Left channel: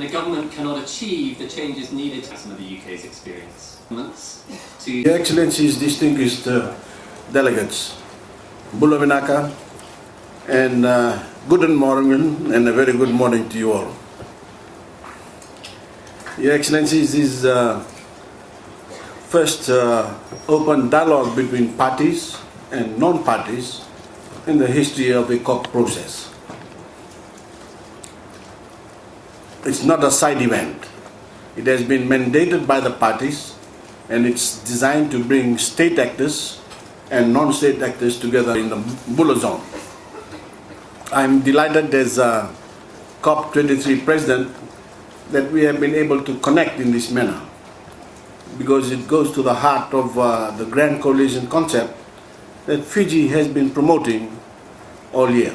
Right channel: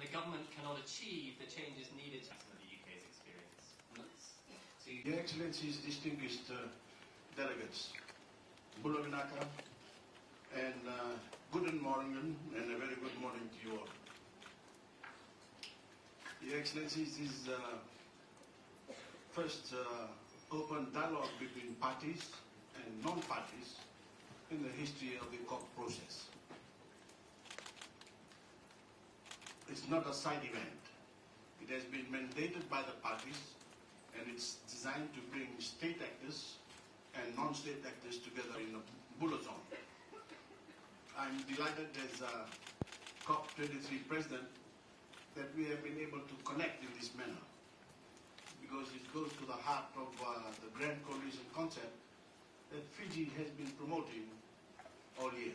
and the government cannot achieve the changes needed to some of the UK's experience. Your Excellencies, distinguished delegates, Bula Vinaka, and good morning and a very good morning to you all. Your Excellencies, this is first open dialogue between parties and non-parties in the history of the COP process. It's not a side event. It has been mandated by the parties, and it's designed to bring state actors and non-state actors together in the Bula zone. I'm delighted as a COP23 president that we have been able to connect in this manner, because it goes to the heart of the Grand Coalition concept that Fiji has been promoting all year.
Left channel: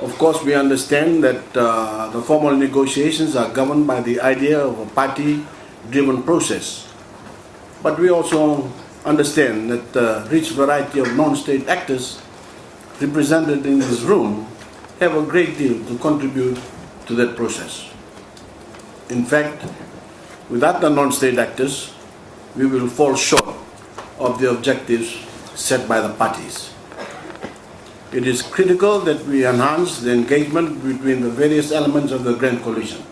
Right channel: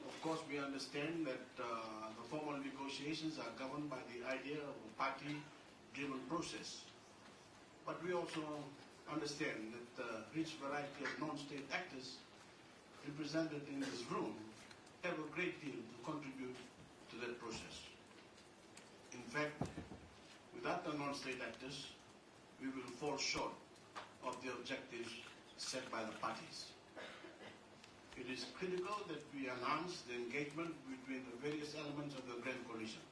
Of course, we understand that the formal negotiations are governed by the idea of a party-driven process. But we also understand that the rich variety of non-state actors represented in this room have a great deal to contribute to that process. In fact, without the non-state actors, we will fall short of the objectives set by the parties. It is critical that we enhance the engagement between the various elements of the Grand Coalition,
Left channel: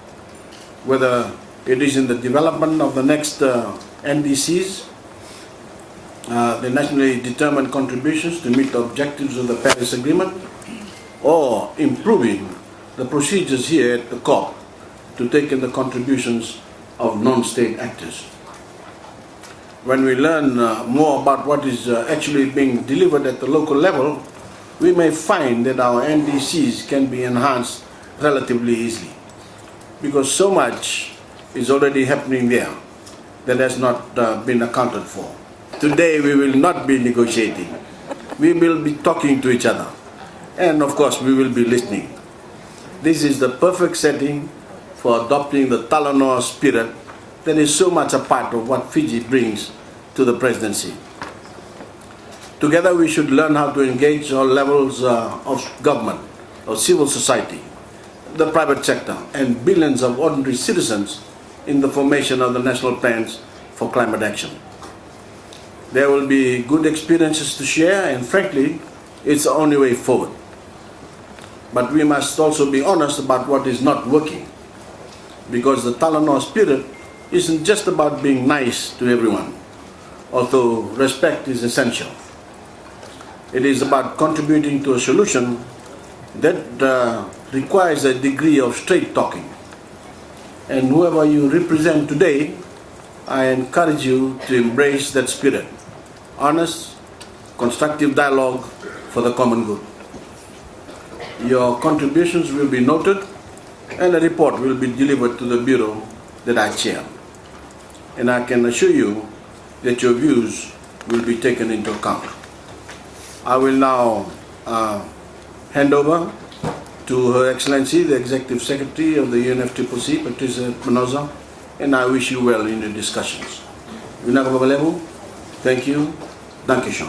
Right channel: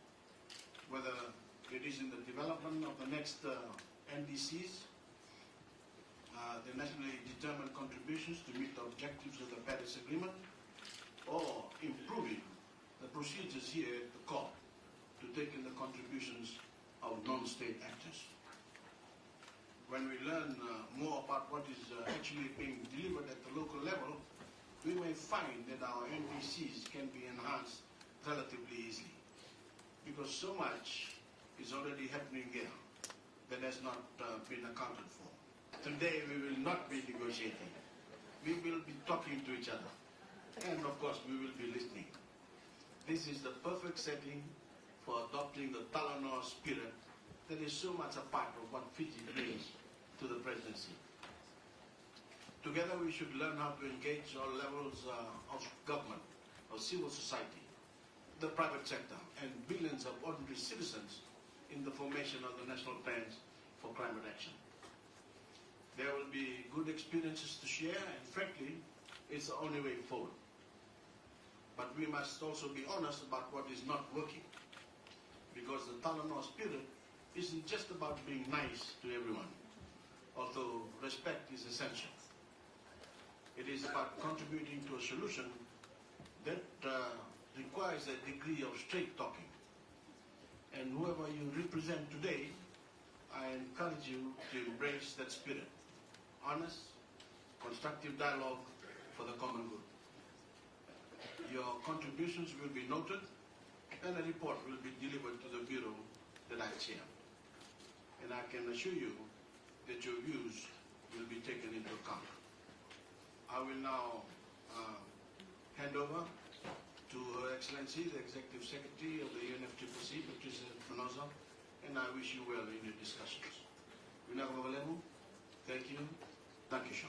whether it is in the development of the next NDCs, the nationally determined contributions to meet the objectives of the Paris Agreement, or improving the procedures here at the COP to take in the contributions of non-state actors. When we learn more about what is actually being delivered at the local level, we may find that our NDCs can be enhanced relatively easily, because so much is already happening there that has not been accounted for. Today we will not be negotiating. We will be talking to each other. And of course we will be listening. This is the perfect setting for adopting the Talanoa Spirit that is so much a part of what Fiji brings to the presidency. Together we should learn how to engage all levels of government, of civil society, the private sector, and billions of ordinary citizens in the formation of the national plans for climate action. There will be good experiences to share, and frankly, it's the only way forward. But we must also be honest about what is not working, because the Talanoa Spirit isn't just about being nice to everyone, although respect is essential. It is about contributing to a solution that requires a degree of straight talking. And whoever you represent today, I encourage you to embrace that spirit. Honest, constructive dialogue for the common good. Your contributions will be noted, and a report will be delivered to the Bureau that I chair. And I can assure you that your views will be taken into account. I will now hand over to Her Excellency, the Executive Secretary of the UNFCCC, Patricia Manoza, and I wish you well in the discussions. Vinaka Babalevu, thank you. Danke schön.